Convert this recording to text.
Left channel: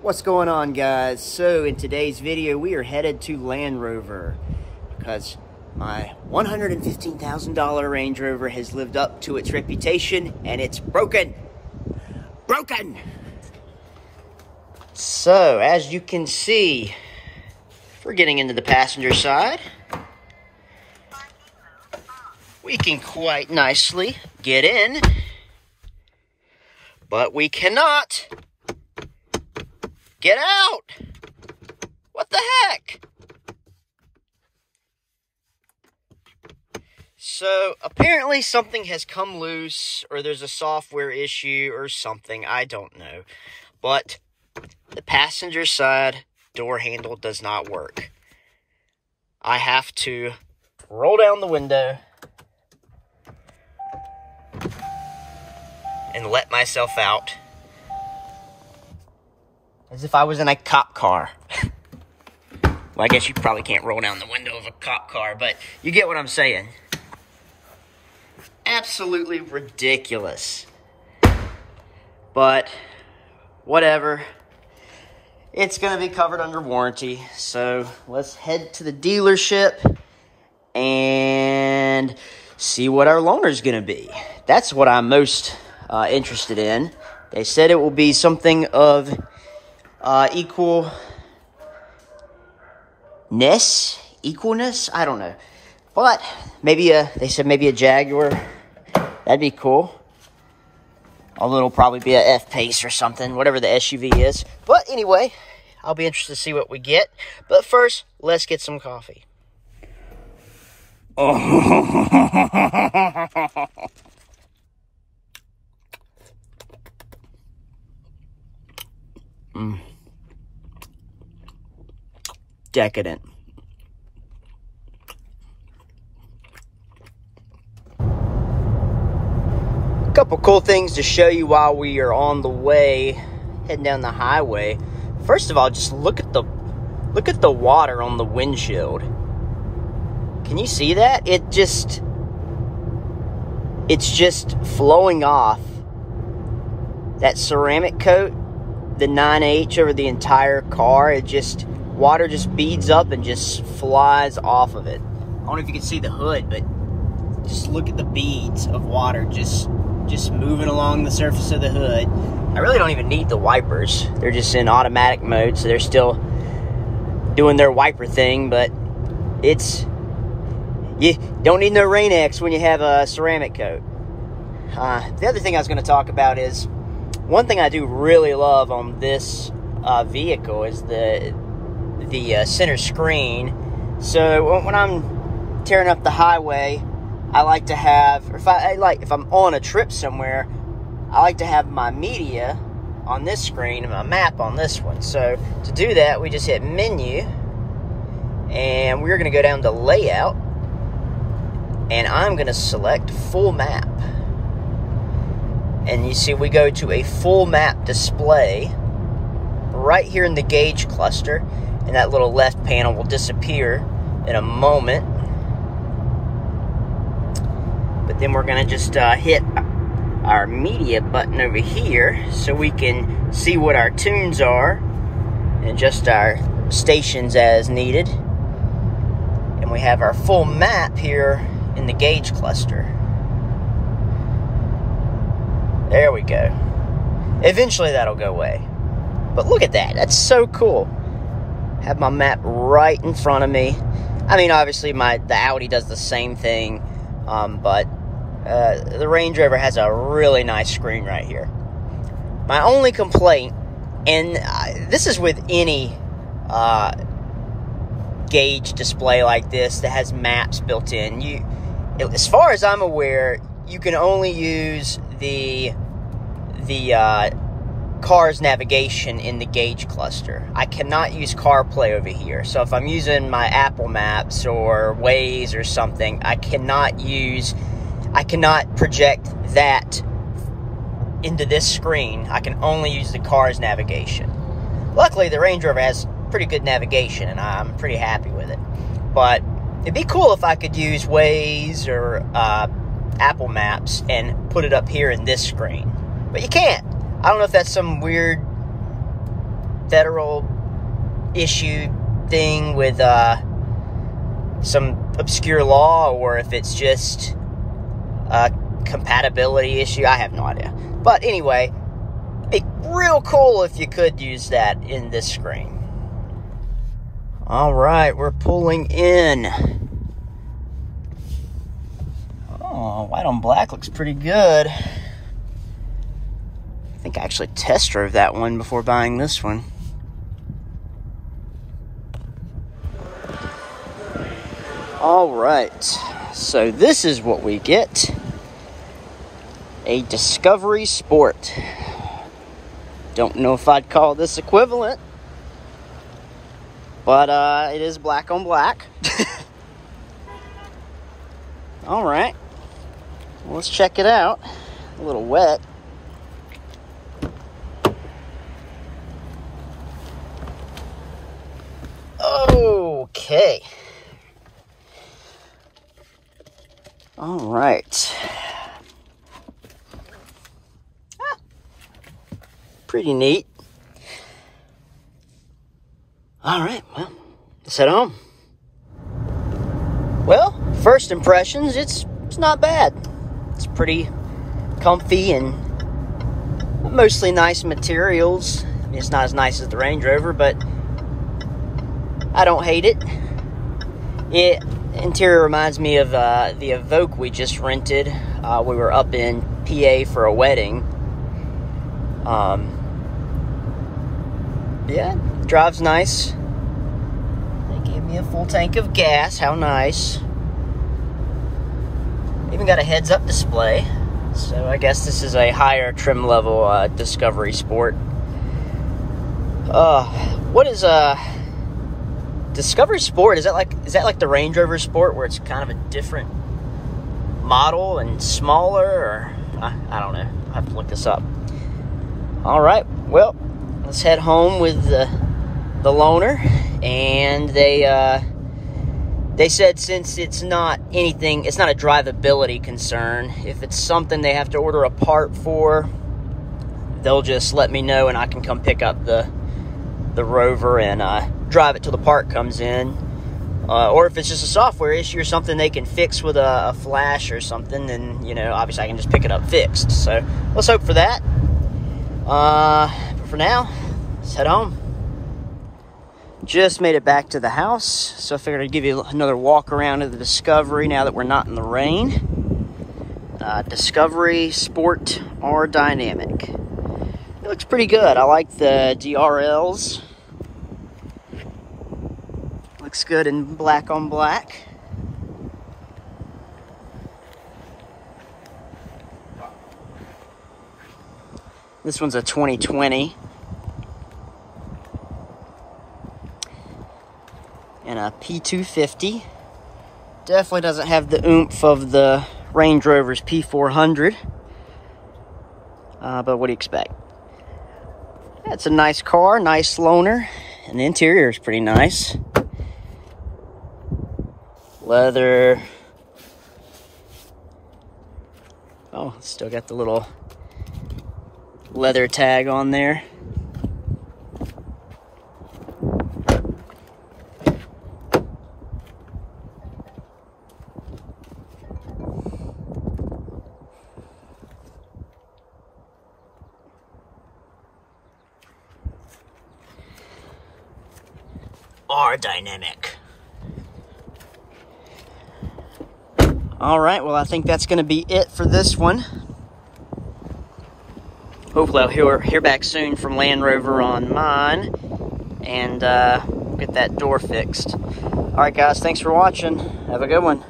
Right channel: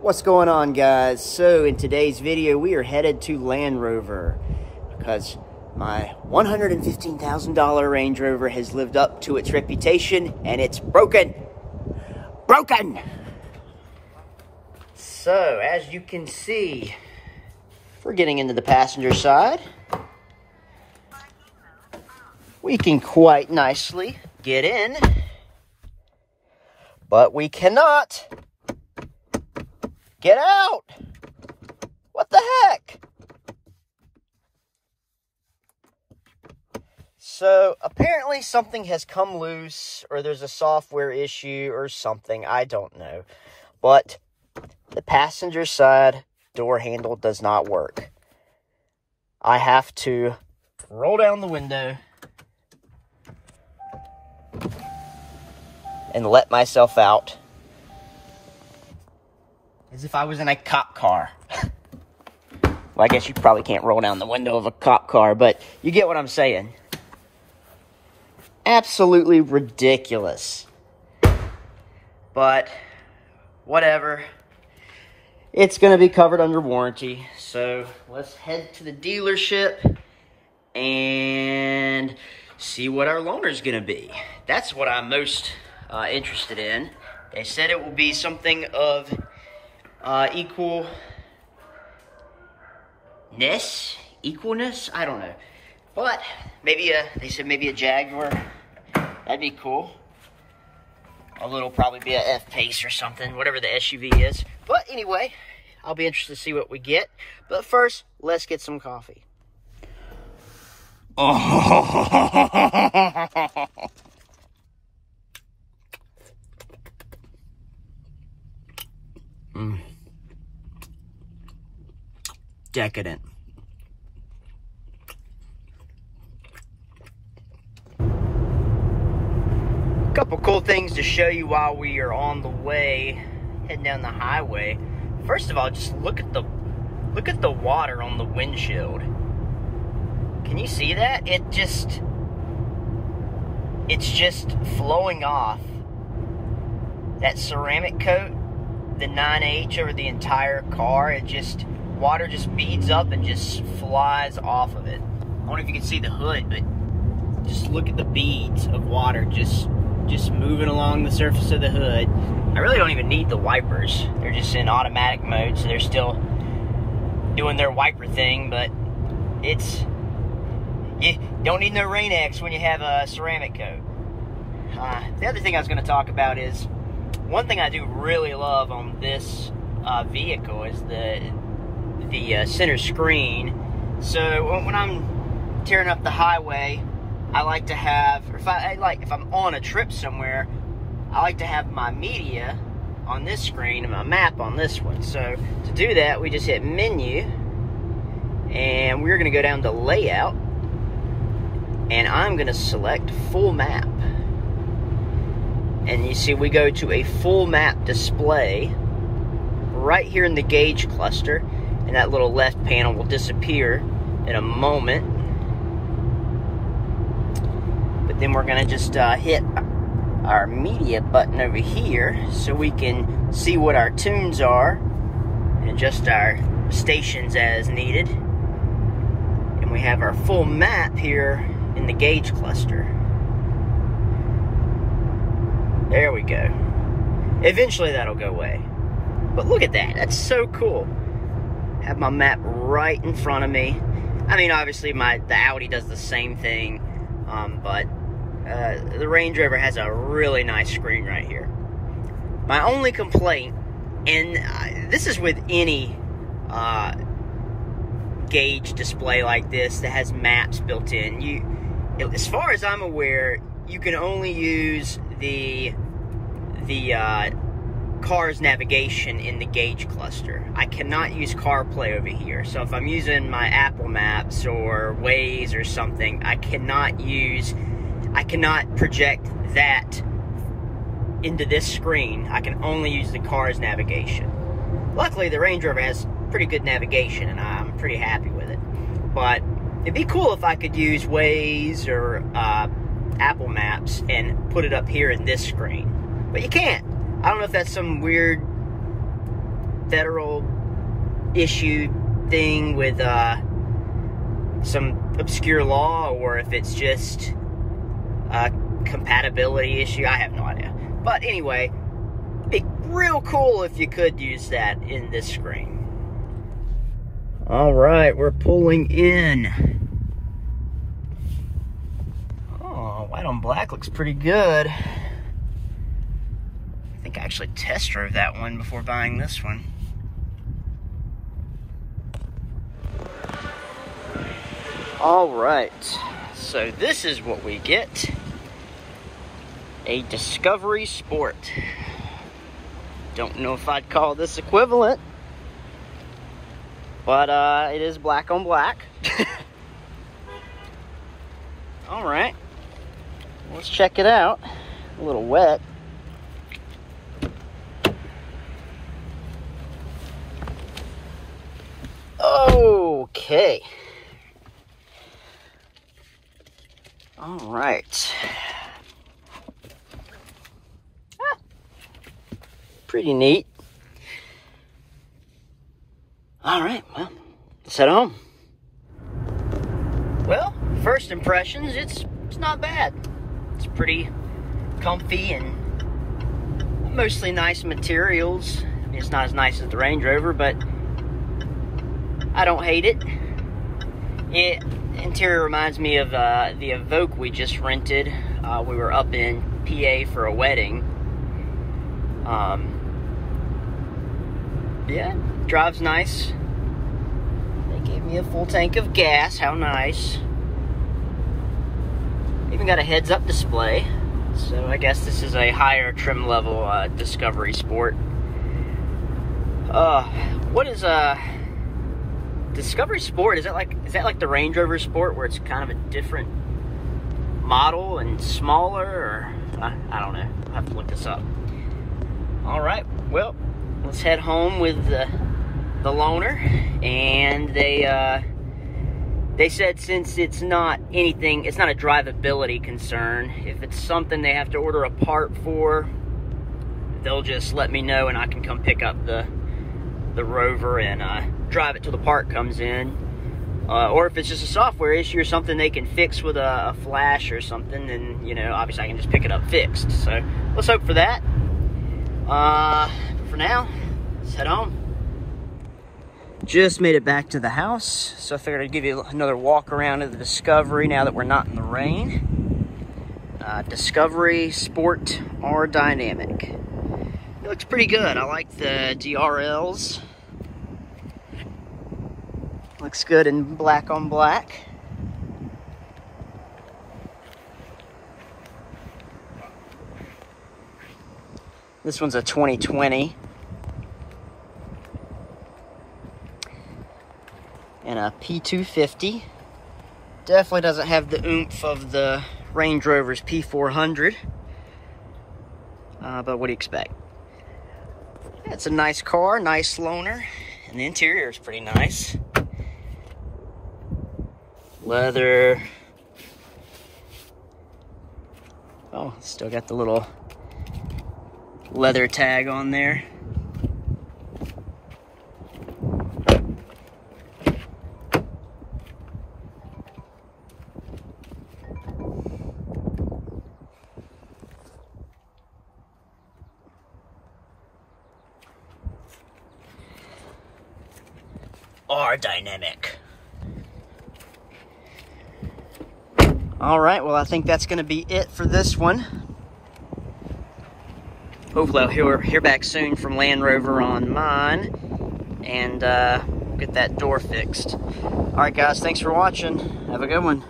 What's going on, guys? So in today's video we are headed to Land Rover because my $115,000 Range Rover has lived up to its reputation and it's broken. So as you can see, we're getting into the passenger side. We can quite nicely get in, but we cannot get out. What the heck? So apparently something has come loose, or there's a software issue or something. I don't know. But the passenger side door handle does not work. I have to roll down the window and let myself out as if I was in a cop car. Well, I guess you probably can't roll down the window of a cop car, but you get what I'm saying. Absolutely ridiculous. But whatever. It's going to be covered under warranty. So let's head to the dealership and see what our loaner is going to be. That's what I'm most interested in. They said it will be something of equalness, I don't know. But maybe they said maybe a Jaguar. That'd be cool. Although it'll probably be a F-Pace or something, whatever the SUV is. But anyway, I'll be interested to see what we get. But first, let's get some coffee. Decadent. A couple cool things to show you while we are on the way, heading down the highway. First of all, just look at the water on the windshield. Can you see that? It's just flowing off. That ceramic coat, the 9H over the entire car, water just beads up and just flies off of it. I don't know if you can see the hood, but just look at the beads of water just moving along the surface of the hood. I really don't even need the wipers. They're just in automatic mode, so they're still doing their wiper thing, but you don't need no Rain-X when you have a ceramic coat. The other thing I was going to talk about is, one thing I do really love on this vehicle is the center screen. So when I'm tearing up the highway, I like to have, or if I'm on a trip somewhere, I like to have my media on this screen and my map on this one. So to do that, we just hit menu, and we're going to go down to layout, and I'm going to select full map. And you see we go to a full map display right here in the gauge cluster, and that little left panel will disappear in a moment. But then we're going to just hit our media button over here so we can see what our tunes are and adjust our stations as needed. And we have our full map here in the gauge cluster. There we go. Eventually that'll go away. But look at that. That's so cool. Have my map right in front of me. I mean, obviously the Audi does the same thing, but the Range Rover has a really nice screen right here. My only complaint, and this is with any gauge display like this that has maps built in, as far as I'm aware, you can only use the car's navigation in the gauge cluster. I cannot use CarPlay over here. So if I'm using my Apple Maps or Waze or something, I cannot project that into this screen. I can only use the car's navigation. Luckily, the Range Rover has pretty good navigation, and I'm pretty happy with it. But it'd be cool if I could use Waze or Apple Maps and put it up here in this screen. But you can't. I don't know if that's some weird federal issue thing with some obscure law, or if it's just a compatibility issue. I have no idea. But anyway, it'd be real cool if you could use that in this screen. All right, we're pulling in. Oh, white on black looks pretty good. I think I actually test drove that one before buying this one. All right, so this is what we get. A Discovery Sport. Don't know if I'd call this equivalent, but it is black on black. All right, let's check it out. A little wet. Okay. All right. Pretty neat. All right, well, let's head home. Well, first impressions, it's not bad. It's pretty comfy and mostly nice materials. I mean, it's not as nice as the Range Rover, but I don't hate it. It interior reminds me of the Evoque we just rented. We were up in PA for a wedding. Yeah, drives nice. They gave me a full tank of gas. How nice. Even got a heads-up display. So I guess this is a higher trim level Discovery Sport. What is Discovery Sport? Is that like the Range Rover Sport, where it's kind of a different model and smaller, or I don't know. I'll have to look this up. All right, well, let's head home with the loaner. And they said since it's not anything, it's not a drivability concern. If it's something they have to order a part for, they'll just let me know and I can come pick up the Rover and drive it till the part comes in. Or if it's just a software issue or something they can fix with a flash or something, then, you know, obviously I can just pick it up fixed. So let's hope for that. But for now, let's head home. Just made it back to the house, so I figured I'd give you another walk around of the Discovery now that we're not in the rain. Discovery Sport R Dynamic. It looks pretty good. I like the DRLs. Looks good in black on black. This one's a 2020. And a P250. Definitely doesn't have the oomph of the Range Rover's P400. But what do you expect? It's a nice car, nice loaner. And the interior is pretty nice. Leather. Oh, still got the little leather tag on there. R Dynamic. All right, well, I think that's going to be it for this one. Hopefully I'll hear back soon from Land Rover on mine, and we'll get that door fixed. All right, guys, thanks for watching. Have a good one.